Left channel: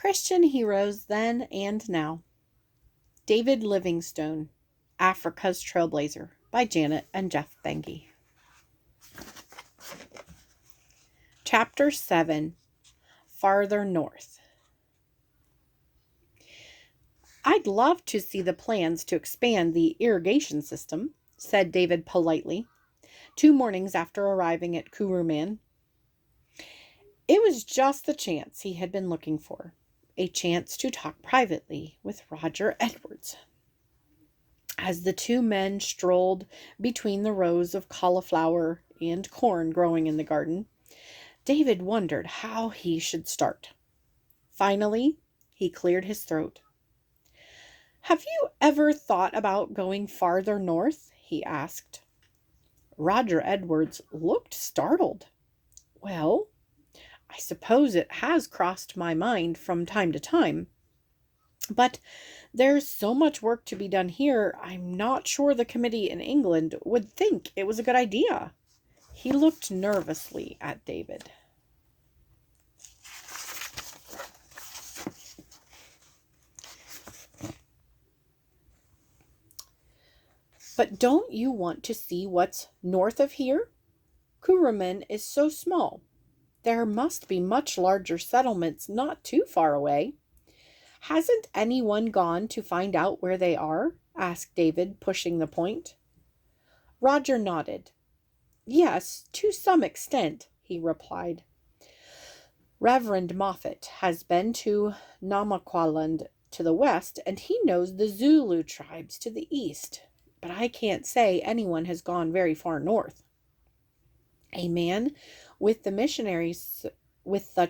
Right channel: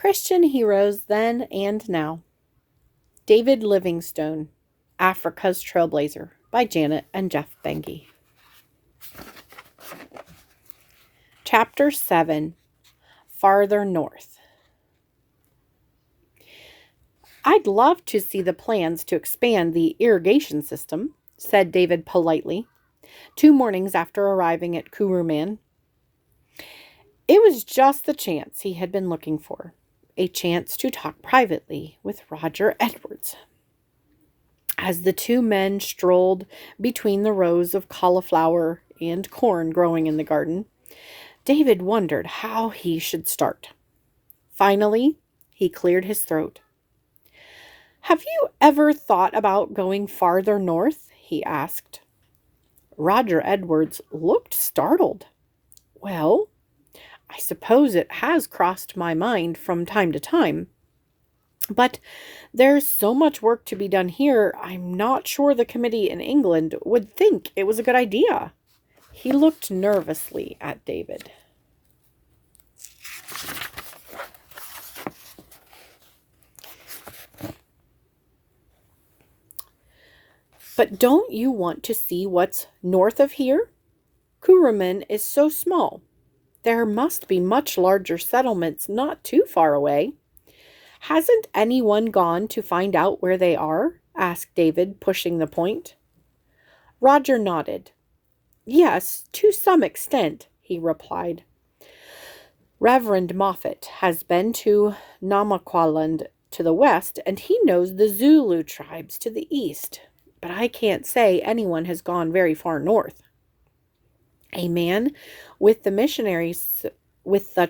Christian Heroes Then and Now. David Livingstone, Africa's Trailblazer, by Janet and Geoff Benge. Chapter 7, Farther North. I'd love to see the plans to expand the irrigation system, said David politely, 2 mornings after arriving at Kuruman. It was just the chance he had been looking for, a chance to talk privately with Roger Edwards. As the 2 men strolled between the rows of cauliflower and corn growing in the garden, David wondered how he should start. Finally, he cleared his throat. "Have you ever thought about going farther north?" he asked. Roger Edwards looked startled. "Well, I suppose it has crossed my mind from time to time. But there's so much work to be done here, I'm not sure the committee in England would think it was a good idea." He looked nervously at David. "But don't you want to see what's north of here? Kuruman is so small. There must be much larger settlements not too far away. Hasn't anyone gone to find out where they are?" asked David, pushing the point. Roger nodded. "Yes, to some extent," he replied. "Reverend Moffat has been to Namaqualand to the west, and he knows the Zulu tribes to the east. But I can't say anyone has gone very far north. A man with the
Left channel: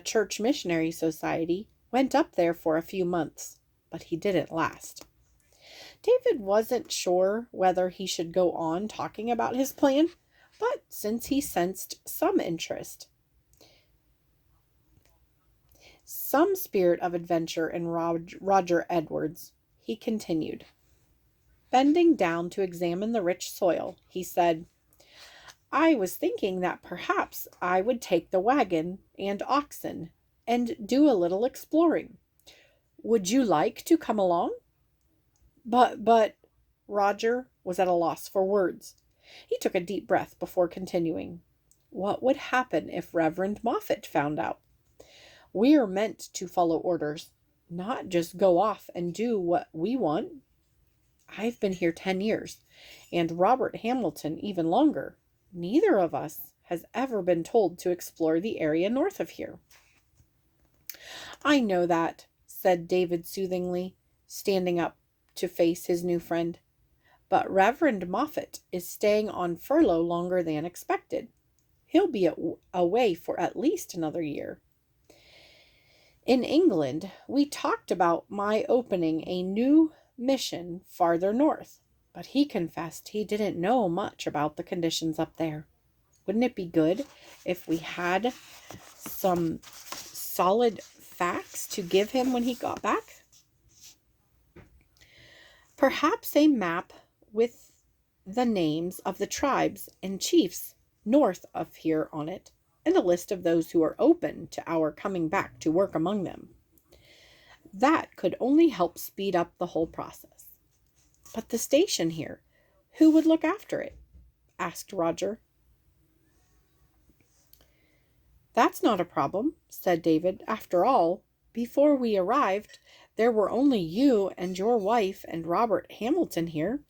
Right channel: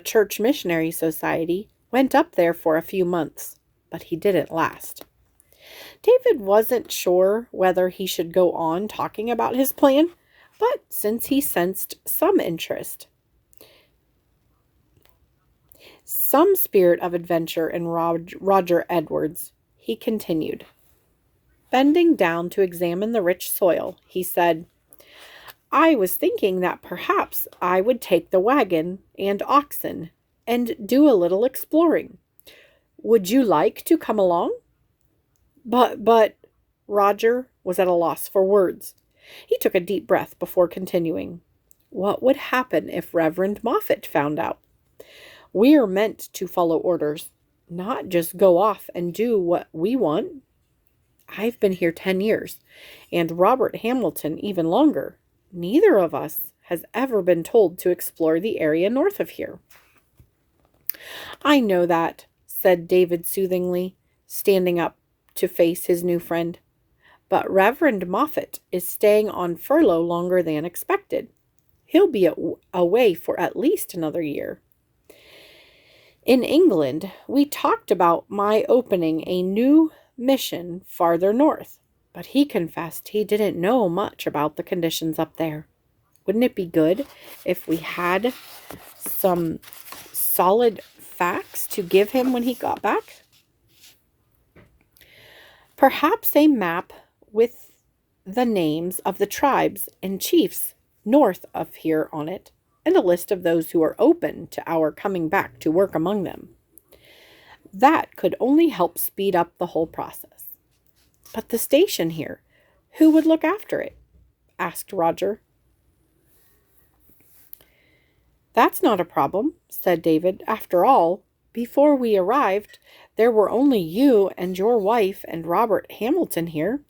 Church Missionary Society went up there for a few months, but he didn't last." David wasn't sure whether he should go on talking about his plan, but since he sensed some interest, some spirit of adventure in Roger Edwards, he continued. Bending down to examine the rich soil, he said, "I was thinking that perhaps I would take the wagon and oxen and do a little exploring. Would you like to come along?" But, Roger was at a loss for words. He took a deep breath before continuing. "What would happen if Reverend Moffat found out? We're meant to follow orders, not just go off and do what we want. I've been here 10 years, and Robert Hamilton even longer. Neither of us has ever been told to explore the area north of here." "I know that," said David soothingly, standing up to face his new friend. "But Reverend Moffat is staying on furlough longer than expected. He'll be away for at least another year. In England, we talked about my opening a new mission farther north, but he confessed he didn't know much about the conditions up there. Wouldn't it be good if we had some solid facts to give him when he got back? Perhaps a map with the names of the tribes and chiefs north of here on it, and a list of those who are open to our coming back to work among them. That could only help speed up the whole process." "But the station here, who would look after it?" asked Roger. "That's not a problem," said David. "After all, before we arrived, there were only you and your wife and Robert Hamilton here.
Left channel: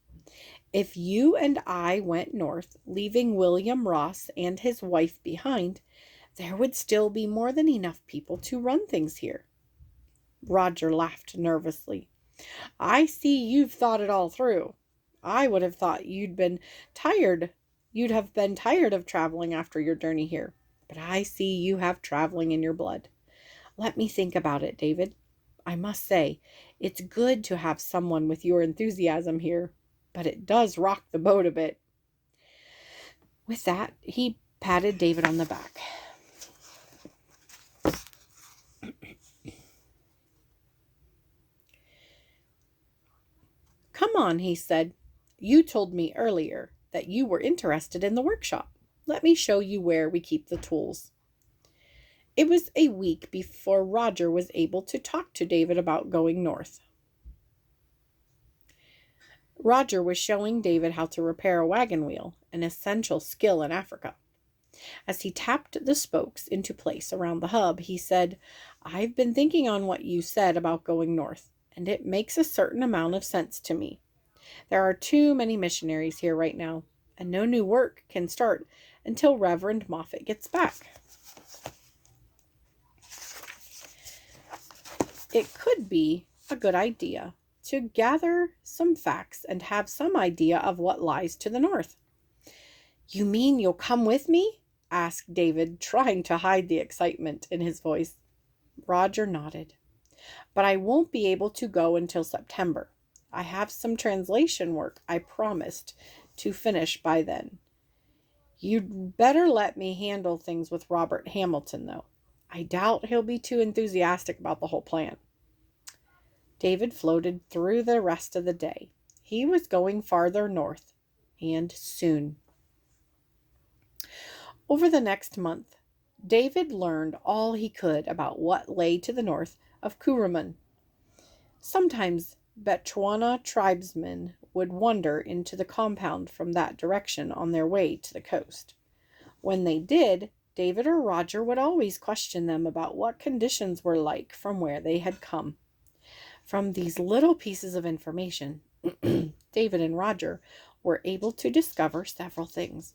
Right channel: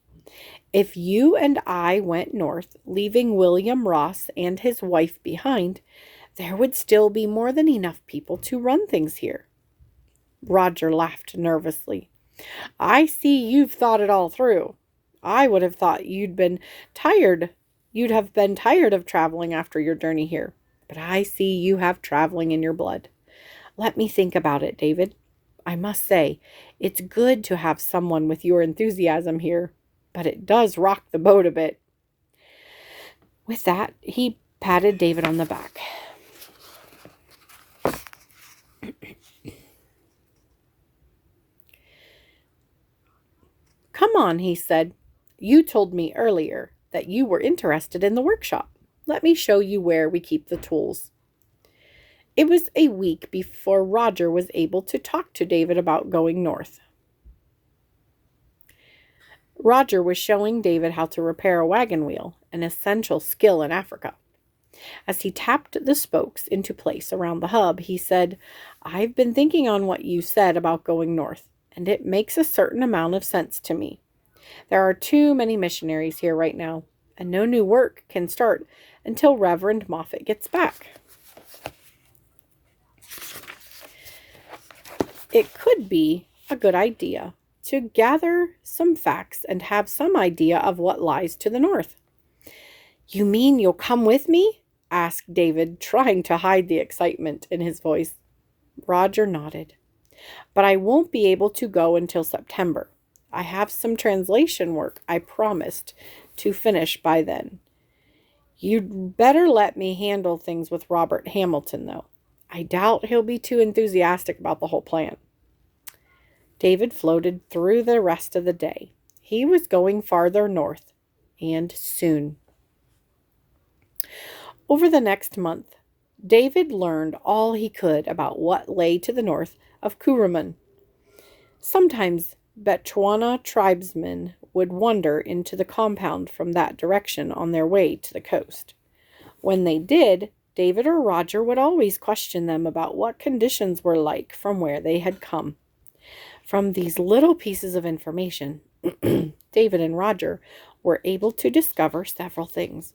If you and I went north, leaving William Ross and his wife behind, there would still be more than enough people to run things here." Roger laughed nervously. "I see you've thought it all through. I would have thought you'd have been tired of traveling after your journey here. But I see you have traveling in your blood. Let me think about it, David. I must say, it's good to have someone with your enthusiasm here, but it does rock the boat a bit." With that, he patted David on the back. "Come on," he said. "You told me earlier that you were interested in the workshop. Let me show you where we keep the tools." It was a week before Roger was able to talk to David about going north. Roger was showing David how to repair a wagon wheel, an essential skill in Africa. As he tapped the spokes into place around the hub, he said, "I've been thinking on what you said about going north, and it makes a certain amount of sense to me. There are too many missionaries here right now, and no new work can start until Reverend Moffat gets back." It could be a good idea to gather some facts and have some idea of what lies to the north. "You mean you'll come with me?" asked David, trying to hide the excitement in his voice. Roger nodded. "But I won't be able to go until September. I have some translation work I promised to finish by then. You'd better let me handle things with Robert Hamilton, though. I doubt he'll be too enthusiastic about the whole plan." David floated through the rest of the day. He was going farther north, and soon. Over the next month, David learned all he could about what lay to the north of Kuruman. Sometimes Bechuana tribesmen would wander into the compound from that direction on their way to the coast. When they did, David or Roger would always question them about what conditions were like from where they had come. From these little pieces of information, David and Roger were able to discover several things.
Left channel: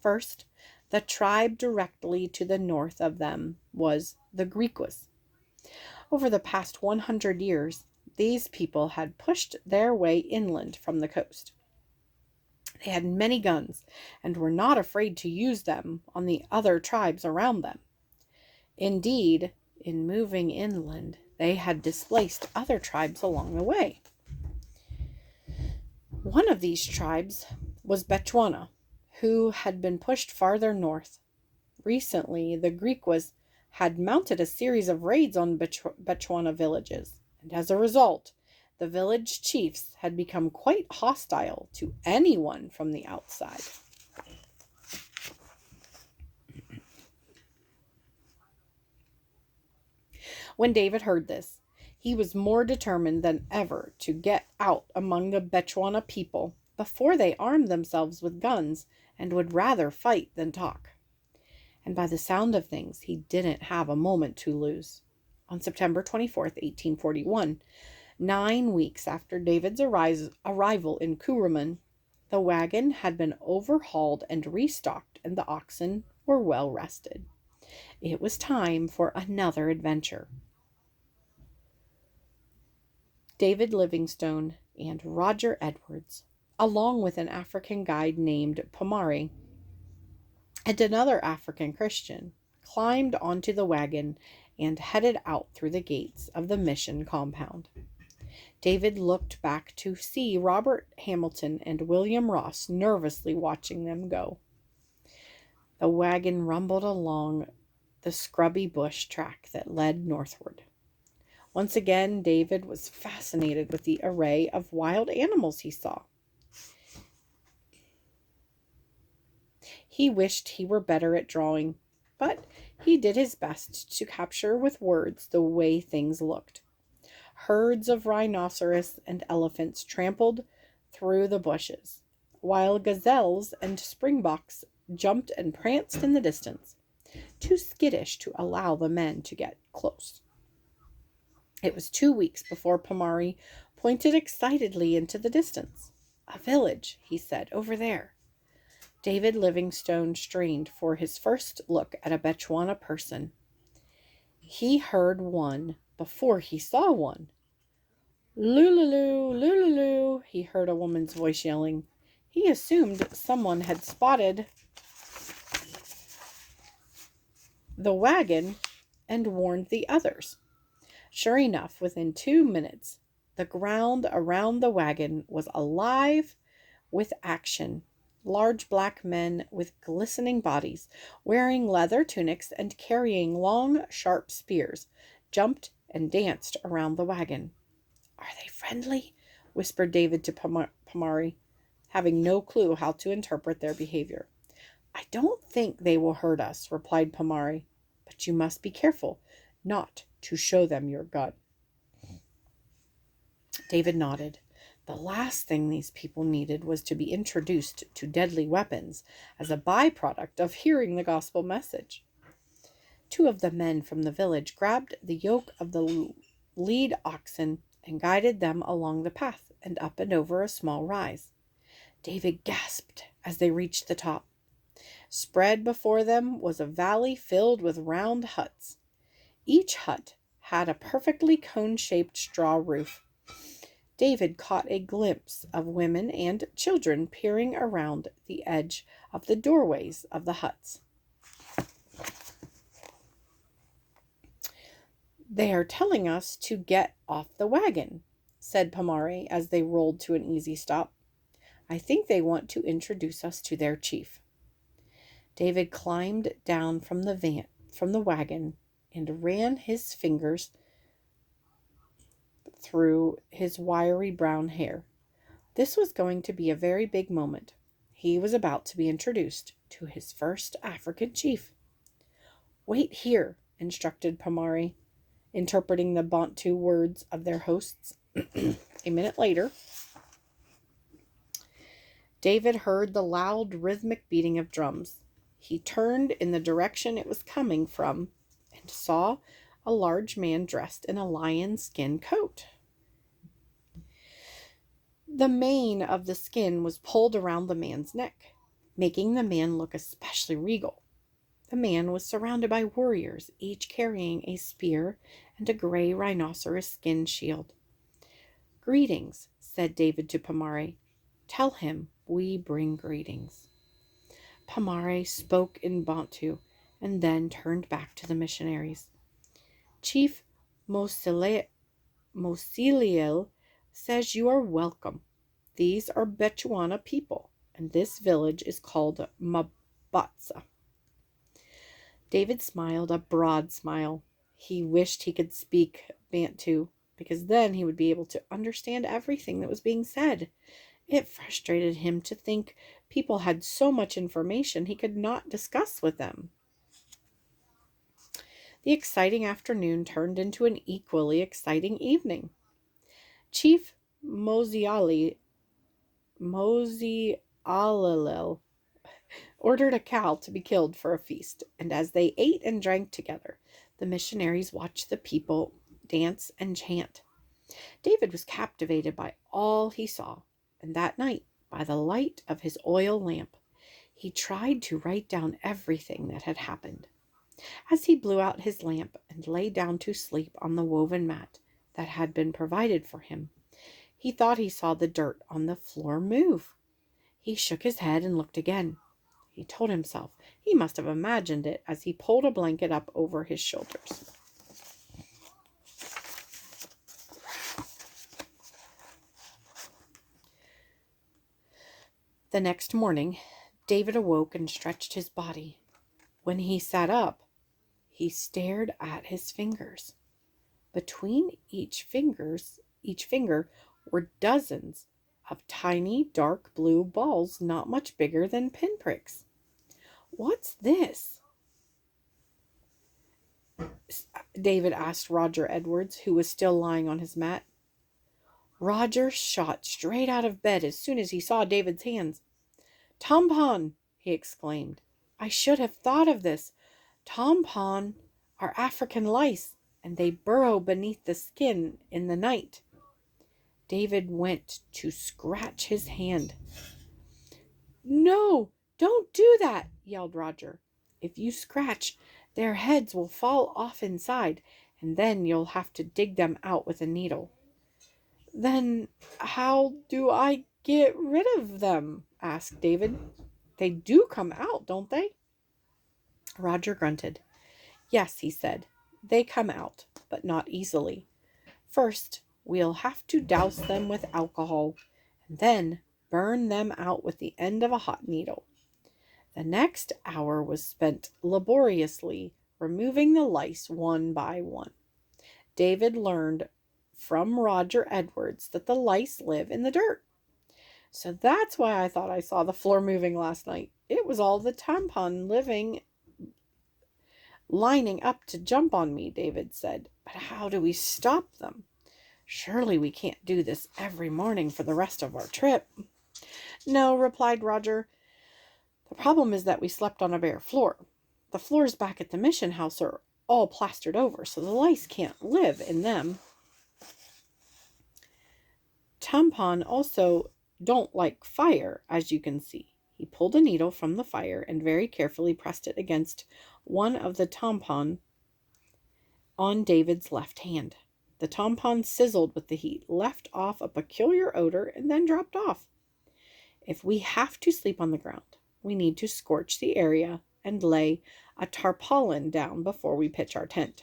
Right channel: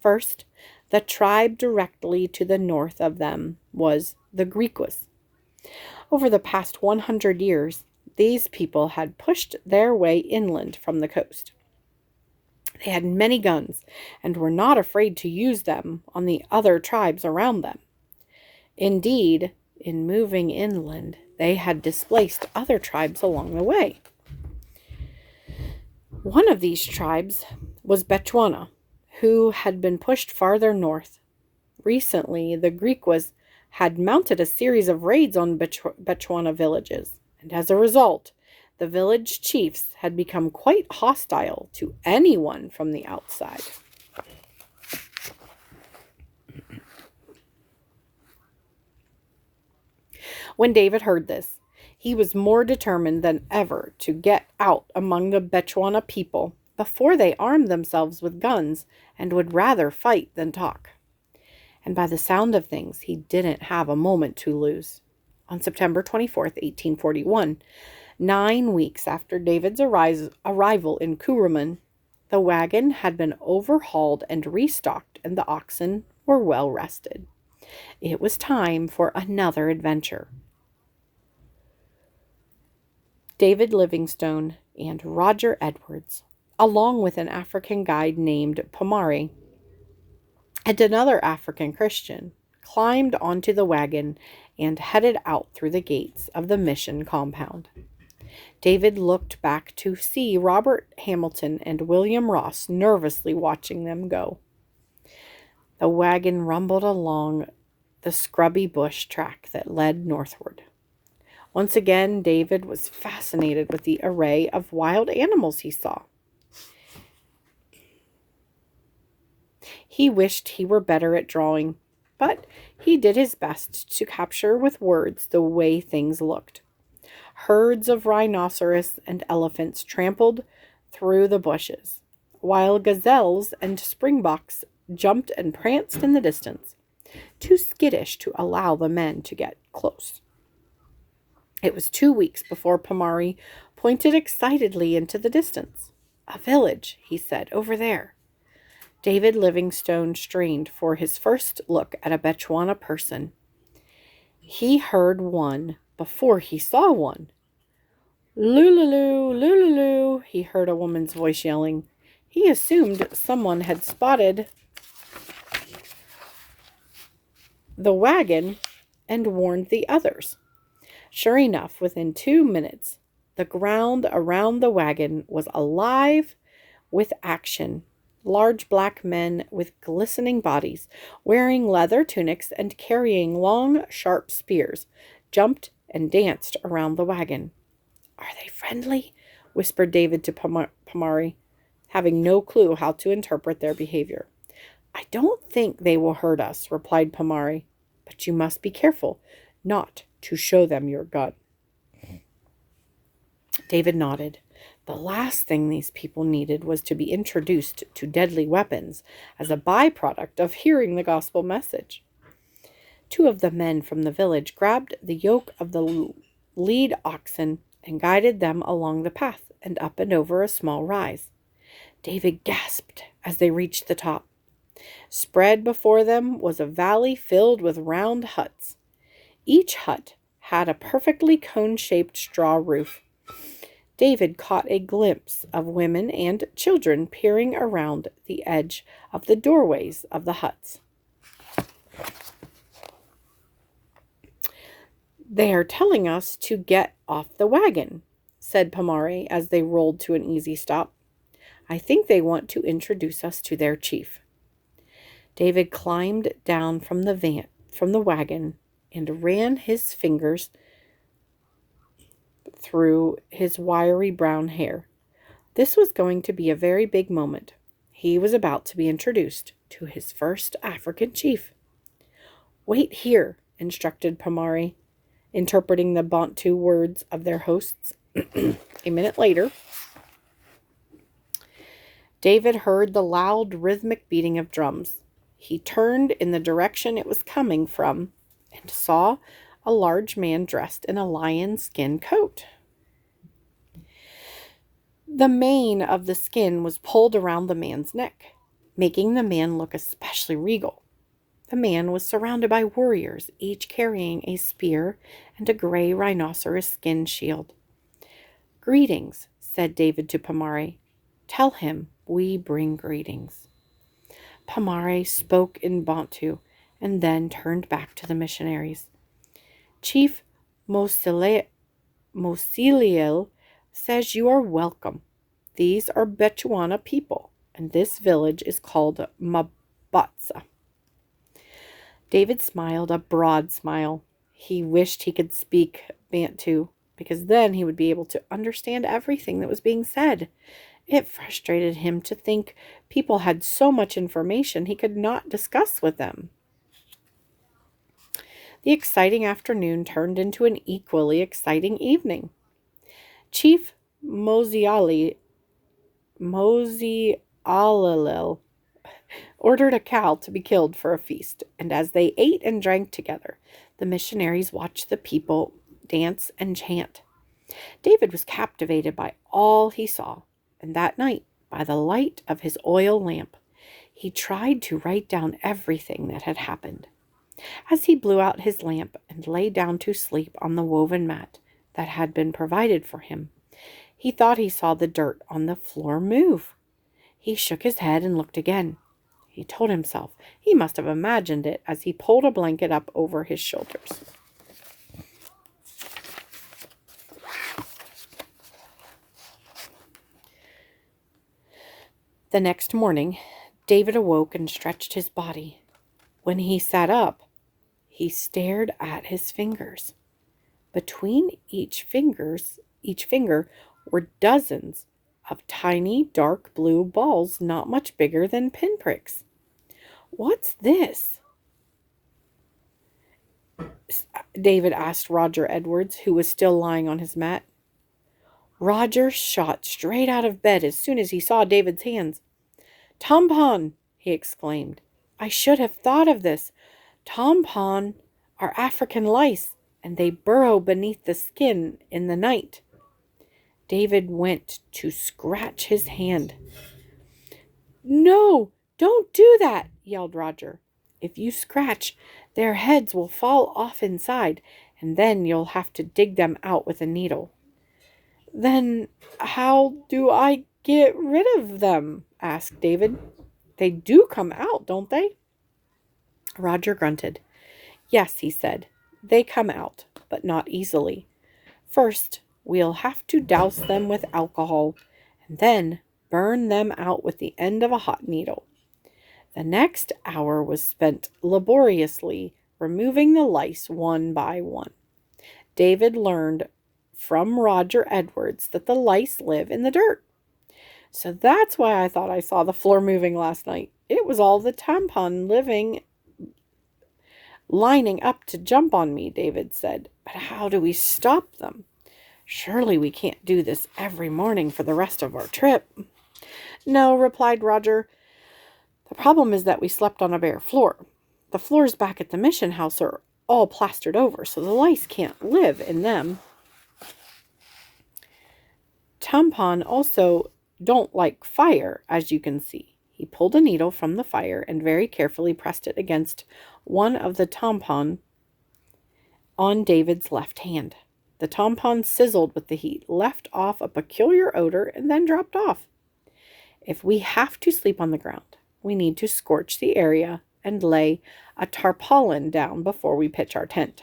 First, the tribe directly to the north of them was the Griquas. Over the past 100 years, these people had pushed their way inland from the coast. They had many guns and were not afraid to use them on the other tribes around them. Indeed, in moving inland, they had displaced other tribes along the way. One of these tribes was Bechuana, who had been pushed farther north. Recently, the Griquas had mounted a series of raids on Bechuana villages, and as a result, the village chiefs had become quite hostile to anyone from the outside. When David heard this, he was more determined than ever to get out among the Bechuana people before they armed themselves with guns and would rather fight than talk. And by the sound of things, he didn't have a moment to lose. On September 24th, 1841, 9 weeks after David's arrival in Kuruman, the wagon had been overhauled and restocked, and the oxen were well rested. It was time for another adventure. David Livingstone and Roger Edwards, along with an African guide named Pomare and another African Christian, climbed onto the wagon and headed out through the gates of the mission compound. David looked back to see Robert Hamilton and William Ross nervously watching them go. The wagon rumbled along the scrubby bush track that led northward. Once again, David was fascinated with the array of wild animals he saw. He wished he were better at drawing, but he did his best to capture with words the way things looked. Herds of rhinoceros and elephants trampled through the bushes, while gazelles and springboks jumped and pranced in the distance, too skittish to allow the men to get close. It was 2 weeks before Pomare pointed excitedly into the distance. "A village," he said, "over there." David Livingstone strained for his first look at a Bechuana person. He heard one before he saw one. "Lululu, lululu," he heard a woman's voice yelling. He assumed someone had spotted the wagon and warned the others. Sure enough, within 2 minutes, the ground around the wagon was alive with action. Large black men with glistening bodies, wearing leather tunics and carrying long, sharp spears, jumped and danced around the wagon. "Are they friendly?" whispered David to Pomare, having no clue how to interpret their behavior. "I don't think they will hurt us," replied Pomare, but you must be careful not to show them your gun." David nodded. The last thing these people needed was to be introduced to deadly weapons as a byproduct of hearing the gospel message. Two of the men from the village grabbed the yoke of the lead oxen and guided them along the path and up and over a small rise. David gasped as they reached the top. Spread before them was a valley filled with round huts. Each hut had a perfectly cone-shaped straw roof. David caught a glimpse of women and children peering around the edge of the doorways of the huts. "They are telling us to get off the wagon," said Pomare as they rolled to an easy stop. "I think they want to introduce us to their chief." David climbed down from the wagon and ran his fingers through his wiry brown hair. This was going to be a very big moment. He was about to be introduced to his first African chief. "Wait here," instructed Pomare, interpreting the Bantu words of their hosts. A minute later, David heard the loud, rhythmic beating of drums. He turned in the direction it was coming from and saw a large man dressed in a lion skin coat. The mane of the skin was pulled around the man's neck, making the man look especially regal. The man was surrounded by warriors, each carrying a spear and a gray rhinoceros skin shield. "Greetings," said David to Pomare. "Tell him we bring greetings." Pomare spoke in Bantu and then turned back to the missionaries. "Chief Mosiliel says you are welcome. These are Bechuana people, and this village is called Mabatsa." David smiled a broad smile. He wished he could speak Bantu, because then he would be able to understand everything that was being said. It frustrated him to think people had so much information he could not discuss with them. The exciting afternoon turned into an equally exciting evening. Chief Mosialel ordered a cow to be killed for a feast, and as they ate and drank together, the missionaries watched the people dance and chant. David was captivated by all he saw, and that night, by the light of his oil lamp, he tried to write down everything that had happened. As he blew out his lamp and lay down to sleep on the woven mat that had been provided for him, he thought he saw the dirt on the floor move. He shook his head and looked again. He told himself he must have imagined it as he pulled a blanket up over his shoulders. The next morning, David awoke and stretched his body. When he sat up, he stared at his fingers. Between each finger were dozens of tiny dark blue balls not much bigger than pinpricks. "What's this?" David asked Roger Edwards, who was still lying on his mat. Roger shot straight out of bed as soon as he saw David's hands. "Tompon!" he exclaimed. "I should have thought of this. Tompon are African lice, and they burrow beneath the skin in the night." David went to scratch his hand. "No, don't do that," yelled Roger. "If you scratch, their heads will fall off inside, and then you'll have to dig them out with a needle." "Then how do I get rid of them?" asked David. "They do come out, don't they?" Roger grunted. "Yes," he said, "they come out, but not easily. First, we'll have to douse them with alcohol, and then burn them out with the end of a hot needle." The next hour was spent laboriously removing the lice one by one. David learned from Roger Edwards that the lice live in the dirt. "So that's why I thought I saw the floor moving last night. It was all the tampon lining up to jump on me, David said. But how do we stop them? Surely we can't do this every morning for the rest of our trip. No, replied Roger. The problem is that we slept on a bare floor. The floors back at the mission house are all plastered over, so the lice can't live in them. Tampon also don't like fire, as you can see. He pulled a needle from the fire and very carefully pressed it against one of the tampon on David's left hand. The tampon sizzled with the heat, left off a peculiar odor, and then dropped off. If we have to sleep on the ground, we need to scorch the area and lay a tarpaulin down before we pitch our tent.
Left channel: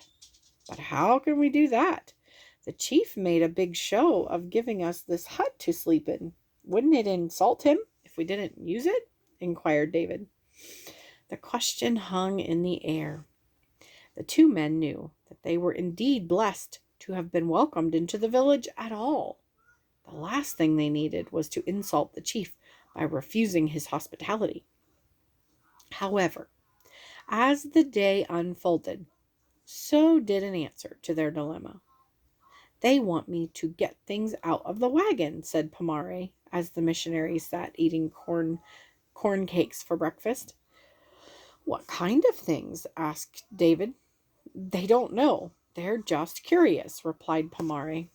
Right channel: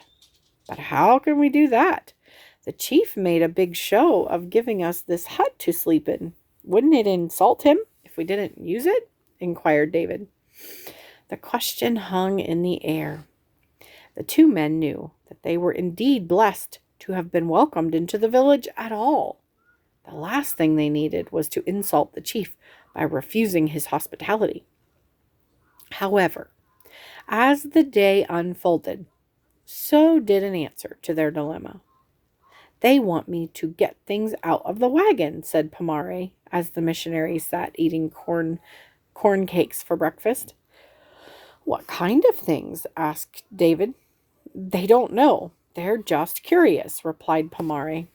But how can we do that? The chief made a big show of giving us this hut to sleep in. Wouldn't it insult him if we didn't use it? Inquired David. The question hung in the air. The two men knew that they were indeed blessed to have been welcomed into the village at all. The last thing they needed was to insult the chief by refusing his hospitality. However, as the day unfolded, so did an answer to their dilemma. They want me to get things out of the wagon, said Pomare, as the missionaries sat eating corn cakes for breakfast. What kind of things? Asked David. They don't know. They're just curious, replied Pomare.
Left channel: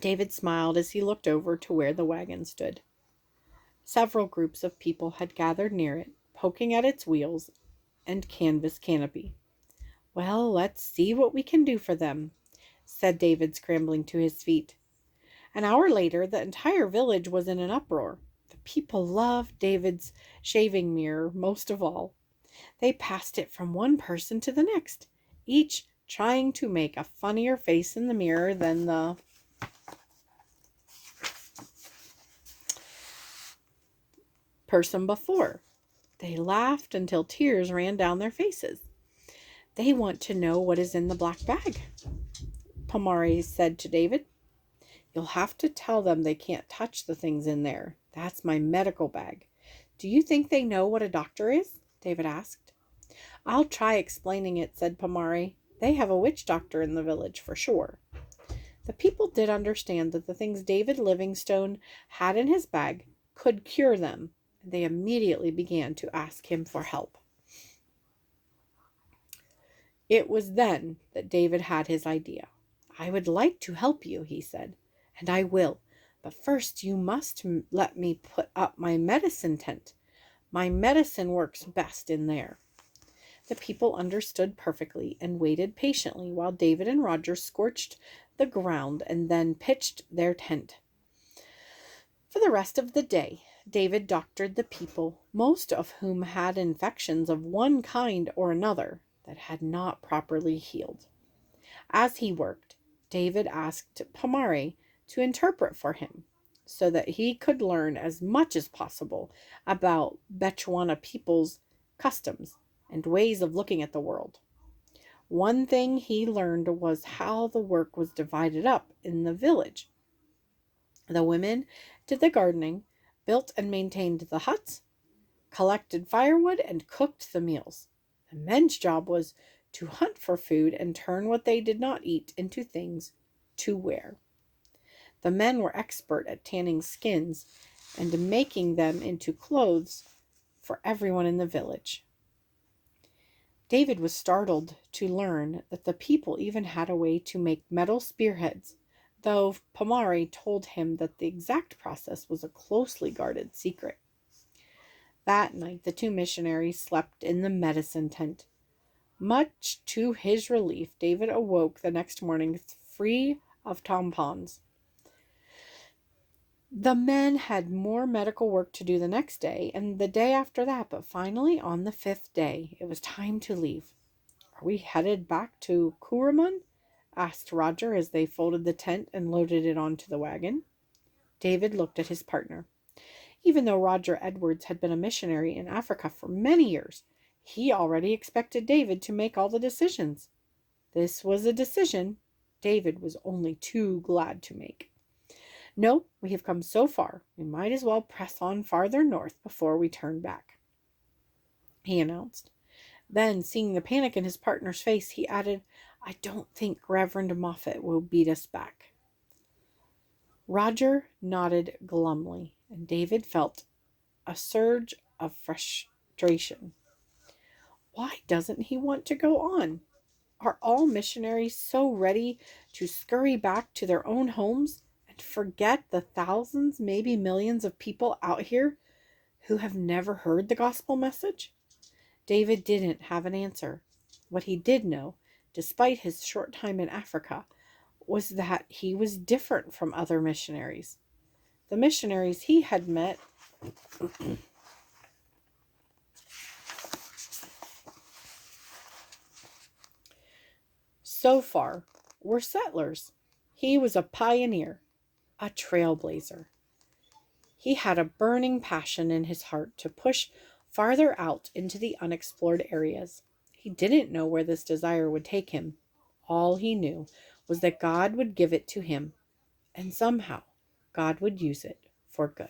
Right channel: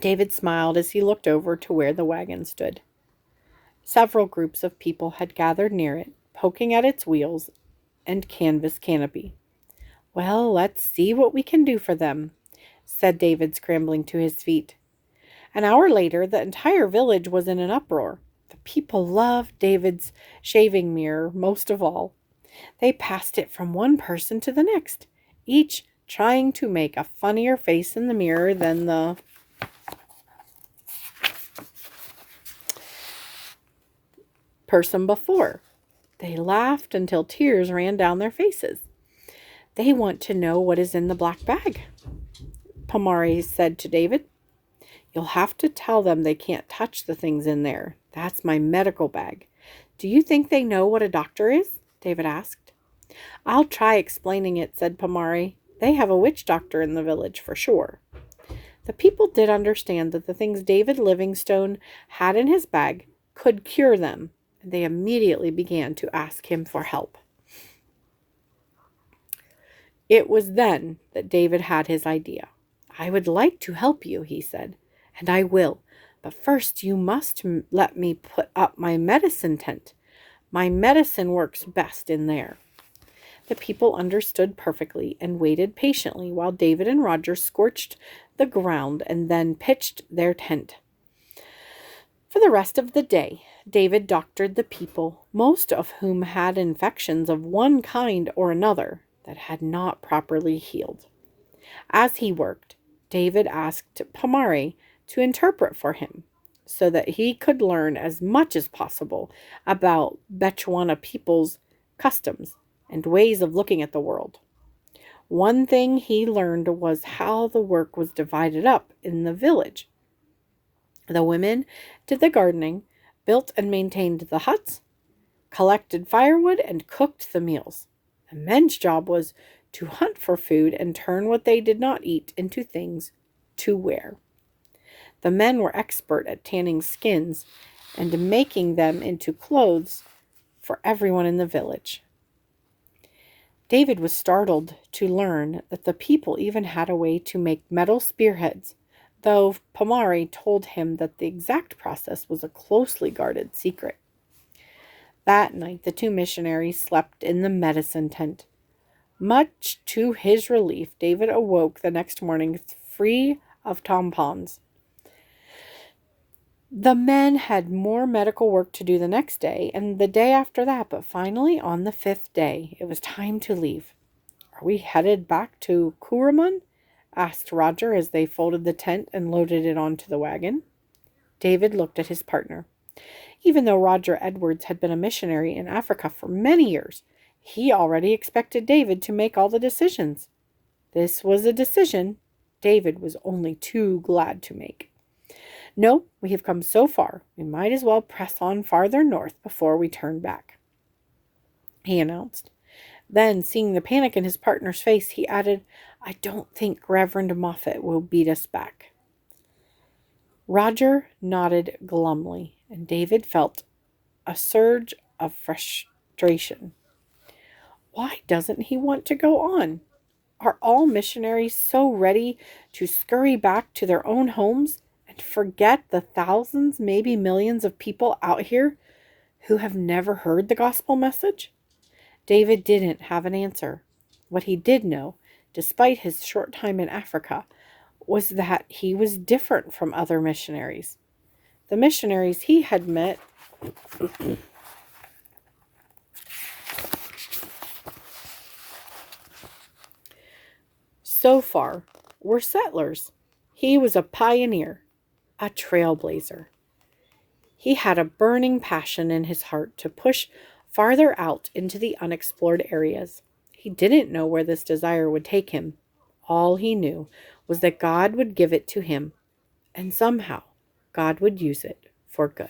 David smiled as he looked over to where the wagon stood. Several groups of people had gathered near it, poking at its wheels and canvas canopy. Well, let's see what we can do for them, said David, scrambling to his feet. An hour later, the entire village was in an uproar. The people loved David's shaving mirror most of all. They passed it from one person to the next, each trying to make a funnier face in the mirror than the person before. They laughed until tears ran down their faces. They want to know what is in the black bag, Pomare said to David. You'll have to tell them they can't touch the things in there. That's my medical bag. Do you think they know what a doctor is? David asked. I'll try explaining it, said Pomare. They have a witch doctor in the village for sure. The people did understand that the things David Livingstone had in his bag could cure them, and they immediately began to ask him for help. It was then that David had his idea. I would like to help you, he said, and I will. But first you must let me put up my medicine tent. My medicine works best in there. The people understood perfectly and waited patiently while David and Roger scorched the ground and then pitched their tent. For the rest of the day, David doctored the people, most of whom had infections of one kind or another that had not properly healed. As he worked, David asked Pomare to interpret for him so that he could learn as much as possible about Bechuana people's customs and ways of looking at the world. One thing he learned was how the work was divided up in the village. The women did the gardening, built and maintained the huts, collected firewood, and cooked the meals. The men's job was to hunt for food and turn what they did not eat into things to wear. The men were expert at tanning skins and making them into clothes for everyone in the village. David was startled to learn that the people even had a way to make metal spearheads, though Pomare told him that the exact process was a closely guarded secret. That night, the two missionaries slept in the medicine tent. Much to his relief, David awoke the next morning free of tampons. The men had more medical work to do the next day and the day after that, but finally, on the 5th day, it was time to leave. Are we headed back to Kuruman? Asked Roger as they folded the tent and loaded it onto the wagon. David looked at his partner. Even though Roger Edwards had been a missionary in Africa for many years, he already expected David to make all the decisions. This was a decision David was only too glad to make. No, we have come so far, we might as well press on farther north before we turn back, he announced. Then, seeing the panic in his partner's face, he added, "I don't think Reverend Moffat will beat us back." Roger nodded glumly, and David felt a surge of frustration. Why doesn't he want to go on? Are all missionaries so ready to scurry back to their own homes and forget the thousands, maybe millions of people out here who have never heard the gospel message? David didn't have an answer. What he did know, despite his short time in Africa, was that he was different from other missionaries. The missionaries he had met so far were settlers. He was a pioneer, a trailblazer. He had a burning passion in his heart to push farther out into the unexplored areas. He didn't know where this desire would take him. All he knew was that God would give it to him, and somehow God would use it for good.